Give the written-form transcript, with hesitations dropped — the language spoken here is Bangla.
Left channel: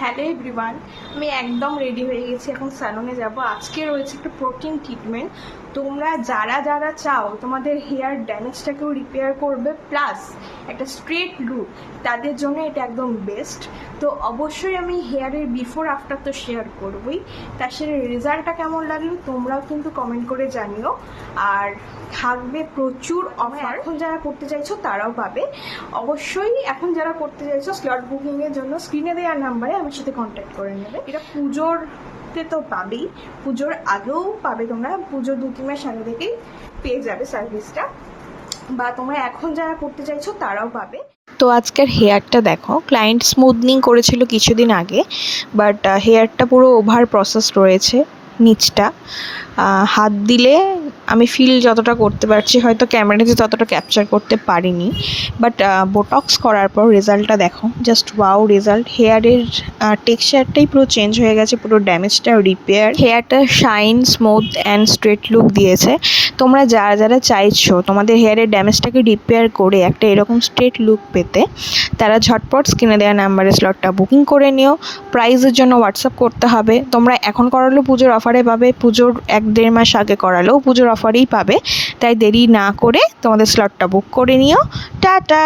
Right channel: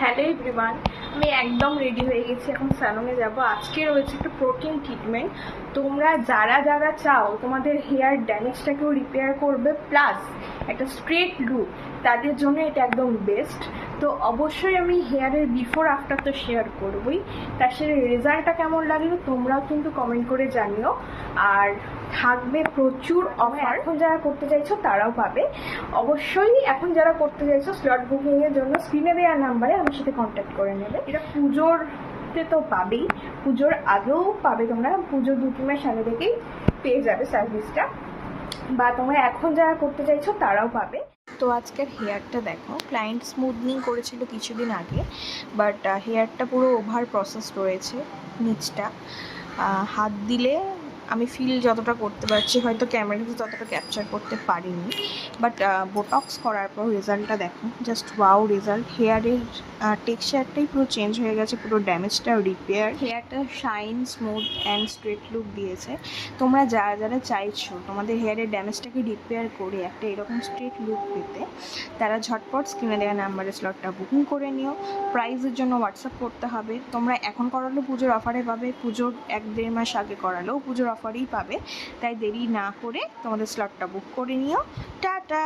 হ্যালো এভরিওয়ান, আমি একদম রেডি হয়ে গেছি, এখন স্যালনে যাব। আজকে রয়েছে একটা প্রোটিন ট্রিটমেন্ট। তোমরা যারা যারা চাও তোমাদের হেয়ার ড্যামেজটাকেও রিপেয়ার করবে প্লাস একটা স্ট্রেট লুক, তাদের জন্য এটা একদম বেস্ট। তো অবশ্যই আমি হেয়ারের বিফোর আফটার তো শেয়ার করবই, তার সাথে রেজাল্টটা কেমন লাগলো তোমরাও কিন্তু কমেন্ট করে জানিও। আর থাকবে প্রচুর অফার, এখন যারা করতে চাইছো তারাও পাবে। অবশ্যই এখন যারা করতে চাইছো স্লট বুকিংয়ের জন্য স্ক্রিনে দেওয়া নাম্বারে আমার সাথে কন্ট্যাক্ট করে নেবে। এটা পুজোরতে তো পাবেই, পুজোর আগেও পাবে, তোমরা পুজোর 2-3 মাস আগে থেকেই পেয়ে যাবে সার্ভিসটা, বা তোমরা এখন যারা করতে চাইছো তারাও পাবে। তো আজকের হেয়ারটা দেখো, ক্লায়েন্ট স্মুথনিং করেছিল কিছুদিন আগে, বাট হেয়ারটা পুরো ওভার প্রসেস রয়েছে। নিচটা হাত দিলে আমি ফিল যতটা করতে পারছি, হয়তো ক্যামেরাতে ততটা ক্যাপচার করতে পারিনি, বাট বোটক্স করার পর রেজাল্টটা দেখো, জাস্ট ওয়াও রেজাল্ট। হেয়ারের টেক্সচারটাই পুরো চেঞ্জ হয়ে গেছে, পুরো ড্যামেজটা রিপেয়ার, হেয়ারটা shine, smooth and straight look দিয়েছে। তোমরা যারা যারা চাইছো তোমাদের হেয়ারের ড্যামেজটাকে রিপেয়ার করে একটা এরকম স্ট্রেট লুক পেতে, তারা ঝটপট স্ক্রিনে দেওয়া নাম্বারে স্লটটা বুকিং করে নিও। প্রাইসের জন্য হোয়াটসঅ্যাপ করতে হবে। তোমরা এখন করালেও পুজোর অফারে পাবে, পুজোর 1-1.5 মাস আগে করালেও পুজোর অফারেই পাবে। তাই দেরি না করে তোমাদের স্লটটা বুক করে নিও। টাটা।